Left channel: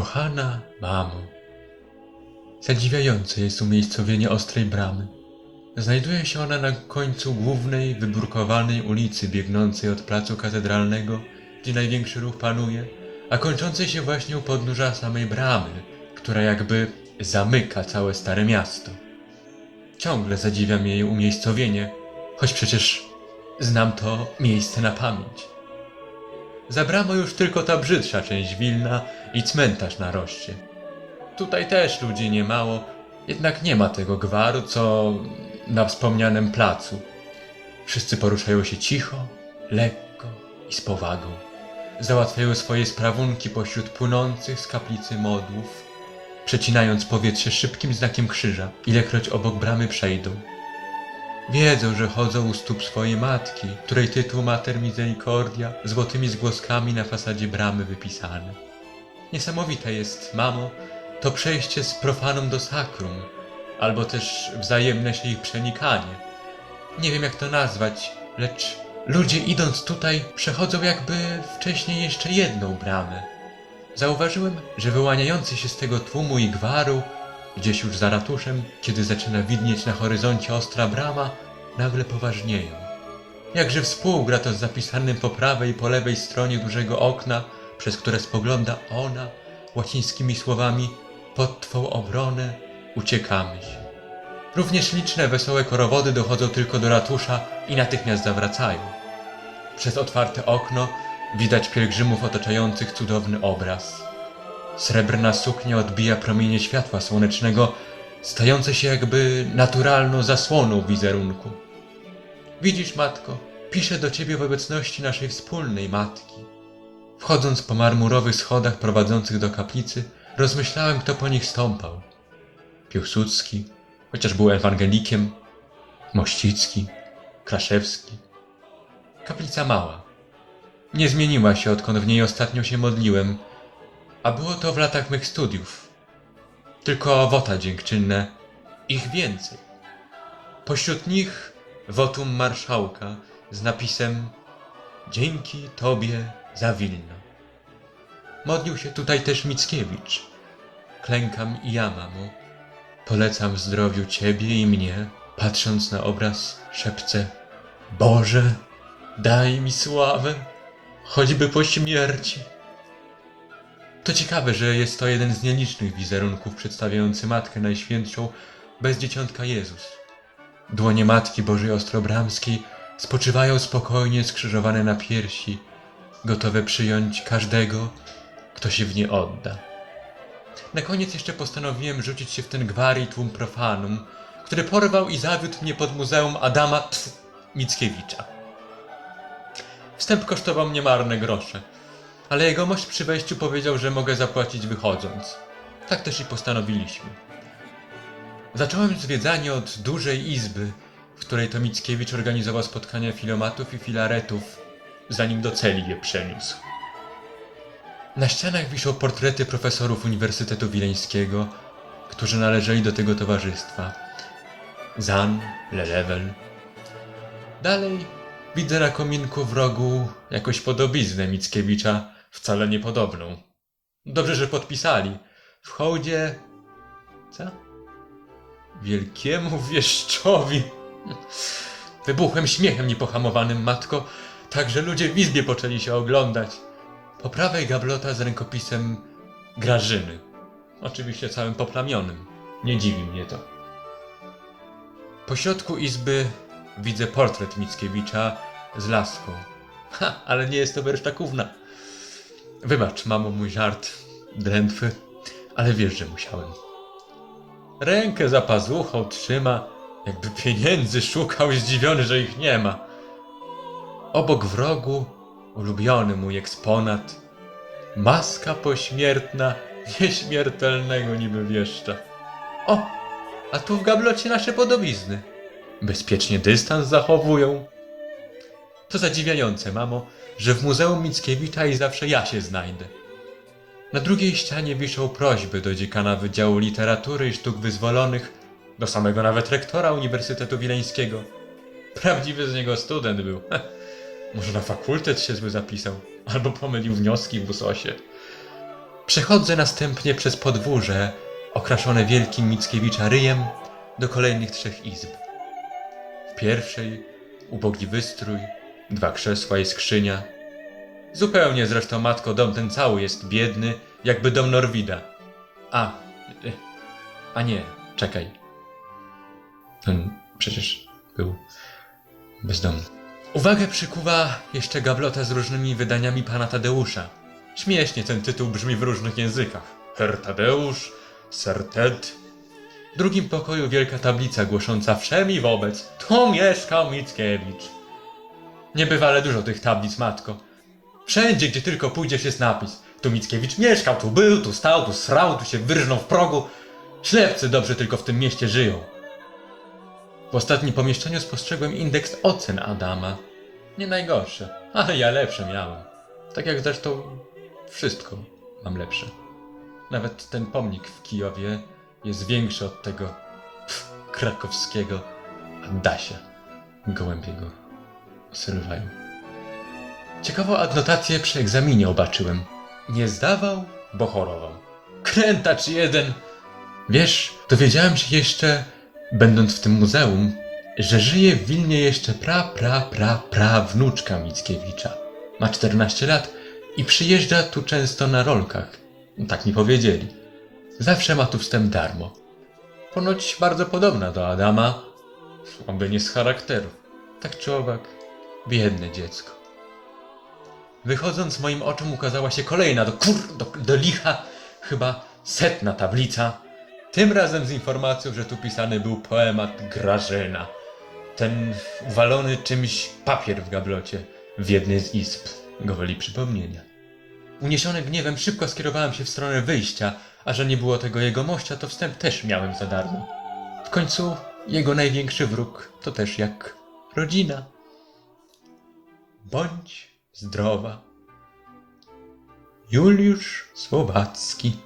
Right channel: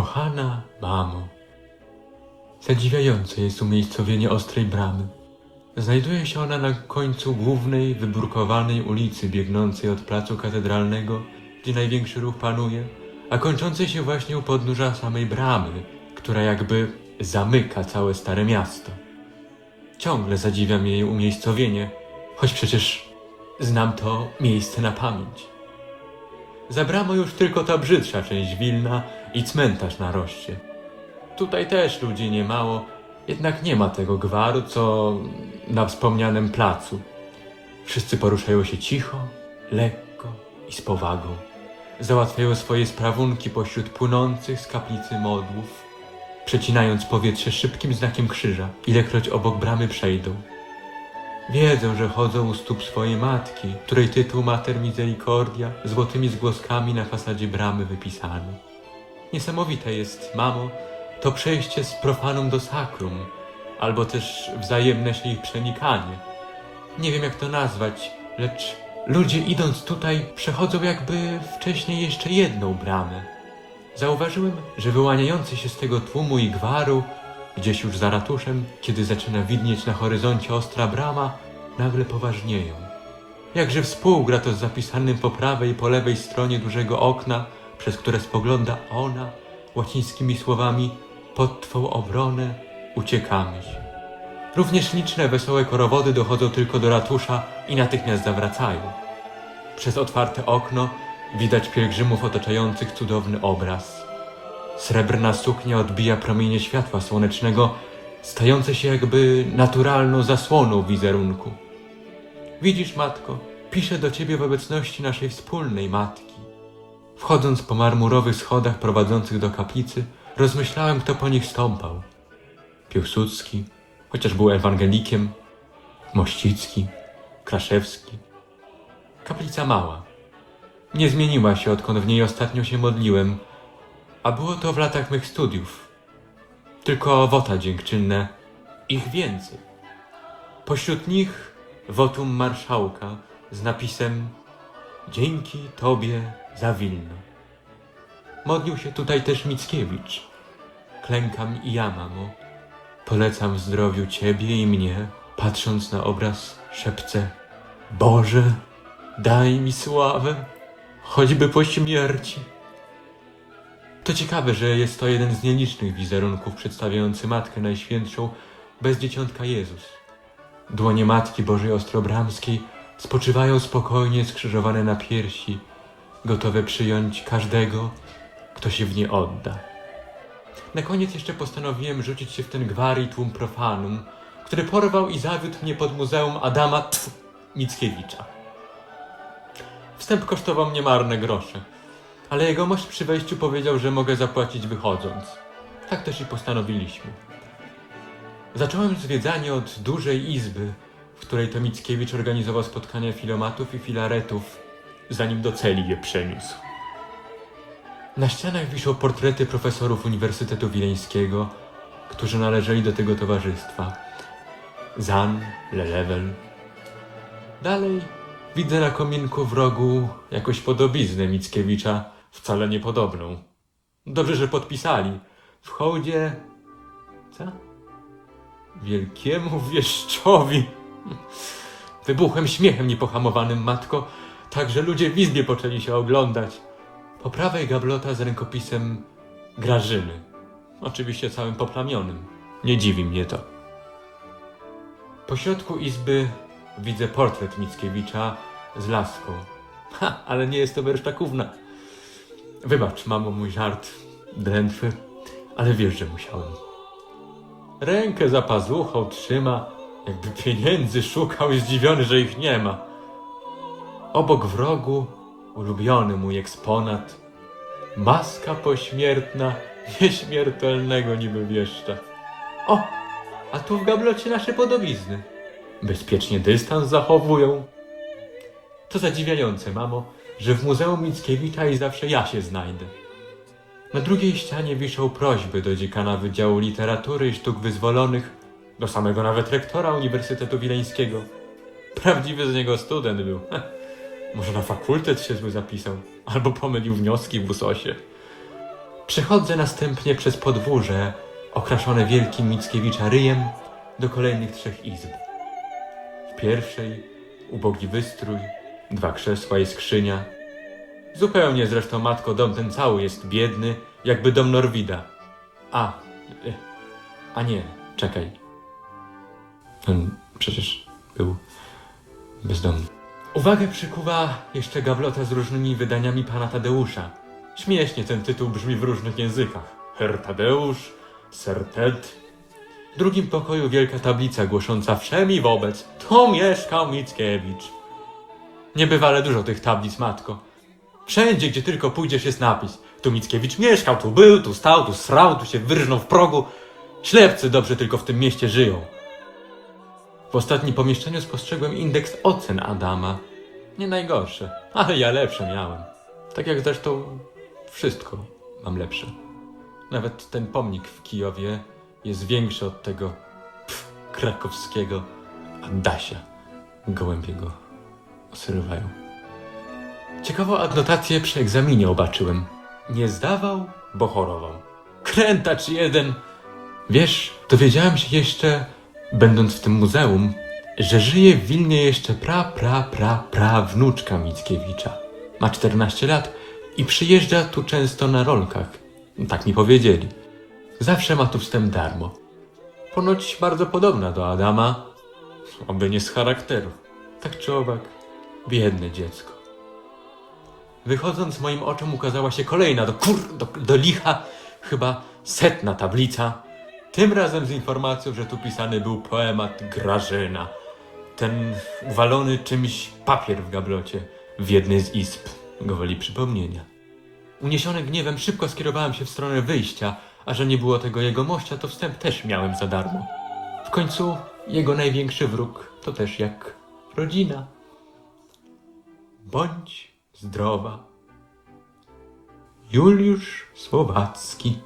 Kochana mamo, zadziwiające jest umiejscowienie ostrej bramy. Znajduje się ona na końcu głównej, wybrukowanej ulicy biegnącej od placu katedralnego, gdzie największy ruch panuje, a kończącej się właśnie u podnóża samej bramy, która jakby zamyka całe stare miasto. Ciągle zadziwia mnie jej umiejscowienie, choć przecież znam to miejsce na pamięć. Za bramą już tylko ta brzydsza część Wilna i cmentarz na roście. Tutaj też ludzi nie mało, jednak nie ma tego gwaru, co na wspomnianym placu. Wszyscy poruszają się cicho, lekko i z powagą. Załatwiają swoje sprawunki pośród płynących z kaplicy modłów, przecinając powietrze szybkim znakiem krzyża, ilekroć obok bramy przejdą. Wiedzą, że chodzą u stóp swojej matki, której tytuł Mater Misericordia złotymi zgłoskami na fasadzie bramy wypisany. Niesamowite jest, mamo, to przejście z profanum do sakrum, albo też wzajemne się ich przenikanie. Nie wiem jak to nazwać, lecz ludzie idąc tutaj przechodzą jakby wcześniej jeszcze jedną bramę. Zauważyłem, że wyłaniający się z tego tłumu i gwaru, gdzieś już za ratuszem, kiedy zaczyna widnieć na horyzoncie ostra brama, nagle poważnieją. Jakże współgra to z zapisanym po prawej i po lewej stronie dużego okna, przez które spogląda ona łacińskimi słowami pod Twą obronę uciekamy. Również liczne wesołe korowody dochodzą tylko do ratusza i natychmiast zawracają. Przez otwarte okno widać pielgrzymów otaczających cudowny obraz. Srebrna suknia odbija promienie światła słonecznego, stające się jakby naturalną zasłoną wizerunku. Widzisz, matko, piszę do ciebie w obecności naszej wspólnej matki. Wchodząc po marmurowych schodach prowadzących do kaplicy, rozmyślałem, kto po nich stąpał. Piłsudski, chociaż był ewangelikiem, Mościcki, Kraszewski. Kaplica mała. Nie zmieniła się, odkąd w niej ostatnio się modliłem, a było to w latach mych studiów. Tylko wota dziękczynne, ich więcej. Pośród nich wotum marszałka z napisem Dzięki Tobie za Wilno. Modlił się tutaj też Mickiewicz. Klękam i ja, mamo. Polecam zdrowiu Ciebie i mnie, patrząc na obraz szepcę Boże, daj mi sławę, choćby po śmierci. To ciekawe, że jest to jeden z nielicznych wizerunków przedstawiający Matkę Najświętszą bez Dzieciątka Jezus. Dłonie Matki Bożej Ostrobramskiej spoczywają spokojnie skrzyżowane na piersi, gotowe przyjąć każdego, kto się w nie odda. Na koniec jeszcze postanowiłem rzucić się w ten gwar i tłum profanum, który porwał i zawiódł mnie pod muzeum Adama pf, Mickiewicza. Wstęp kosztował mnie marne grosze, ale jegomość przy wejściu powiedział, że mogę zapłacić wychodząc. Tak też i postanowiliśmy. Zacząłem zwiedzanie od dużej izby, w której to Mickiewicz organizował spotkania filomatów i filaretów, zanim do celi je przeniósł. Na ścianach wiszą portrety profesorów Uniwersytetu Wileńskiego, którzy należeli do tego towarzystwa. Zan, Lelewel. Dalej widzę na kominku w rogu jakąś podobiznę Mickiewicza, wcale niepodobną. Dobrze, że podpisali. W hołdzie... Co? Wielkiemu wieszczowi. Wybuchłem śmiechem niepohamowanym, matko, tak że ludzie w izbie poczęli się oglądać. Po prawej gablota z rękopisem Grażyny. Oczywiście całym poplamionym. Nie dziwi mnie to. Po środku izby widzę portret Mickiewicza z laską. Ha, ale nie jest to wersztakówna. Wybacz, mamo, mój żart drętwy, ale wiesz, że musiałem. Rękę za pazuchą trzyma, jakby pieniędzy szukał, zdziwiony, że ich nie ma. Obok w rogu ulubiony mój eksponat. Maska pośmiertna nieśmiertelnego niby wieszcza. O, a tu w gablocie nasze podobizny. Bezpiecznie dystans zachowują. To zadziwiające, mamo, że w Muzeum Mickiewicza i zawsze ja się znajdę. Na drugiej ścianie wiszą prośby do dziekana Wydziału Literatury i Sztuk Wyzwolonych, do samego nawet rektora Uniwersytetu Wileńskiego. Prawdziwy z niego student był. Może na fakultet się zły zapisał, albo pomylił wnioski w usosie. Przechodzę następnie przez podwórze, okraszone wielkim Mickiewicza ryjem, do kolejnych trzech izb. W pierwszej ubogi wystrój, dwa krzesła i skrzynia. Zupełnie zresztą, matko, dom ten cały jest biedny, jakby dom Norwida. A, y, a nie, czekaj. On przecież był bezdomny. Uwagę przykuwa jeszcze gablota z różnymi wydaniami pana Tadeusza. Śmiesznie ten tytuł brzmi w różnych językach. Herr Tadeusz, Sir Ted. W drugim pokoju wielka tablica głosząca wszemi wobec. Tu mieszkał Mickiewicz. Niebywale dużo tych tablic, matko. Wszędzie, gdzie tylko pójdziesz, jest napis. Tu Mickiewicz mieszkał, tu był, tu stał, tu srał, tu się wyrżnął w progu. Ślepcy dobrze tylko w tym mieście żyją. W ostatnim pomieszczeniu spostrzegłem indeks ocen Adama. Nie najgorsze, ale ja lepsze miałem. Tak jak zresztą wszystko mam lepsze. Nawet ten pomnik w Kijowie jest większy od tego pff, krakowskiego Adasia. Gołębiego osyrywają. Ciekawą adnotację przy egzaminie obaczyłem. Nie zdawał, bo chorował. Krętacz jeden! Wiesz, dowiedziałem się jeszcze, będąc w tym muzeum, że żyje w Wilnie jeszcze pra, pra, pra, pra wnuczka Mickiewicza. Ma 14 lat i przyjeżdża tu często na rolkach. Tak mi powiedzieli. Zawsze ma tu wstęp darmo. Ponoć bardzo podobna do Adama, oby nie z charakteru. Tak czy owak, biedne dziecko. Wychodząc moim oczom ukazała się kolejna do kur... do, do licha, chyba setna tablica. Tym razem z informacją, że tu pisany był poemat Grażyna. Ten walony czymś papier w gablocie w jednej z izb gwoli przypomnienia. Uniesiony gniewem szybko skierowałem się w stronę wyjścia, a że nie było tego jegomościa, to wstęp też miałem za darmo. W końcu jego największy wróg to też jak rodzina. Bądź zdrowa. Juliusz Słowacki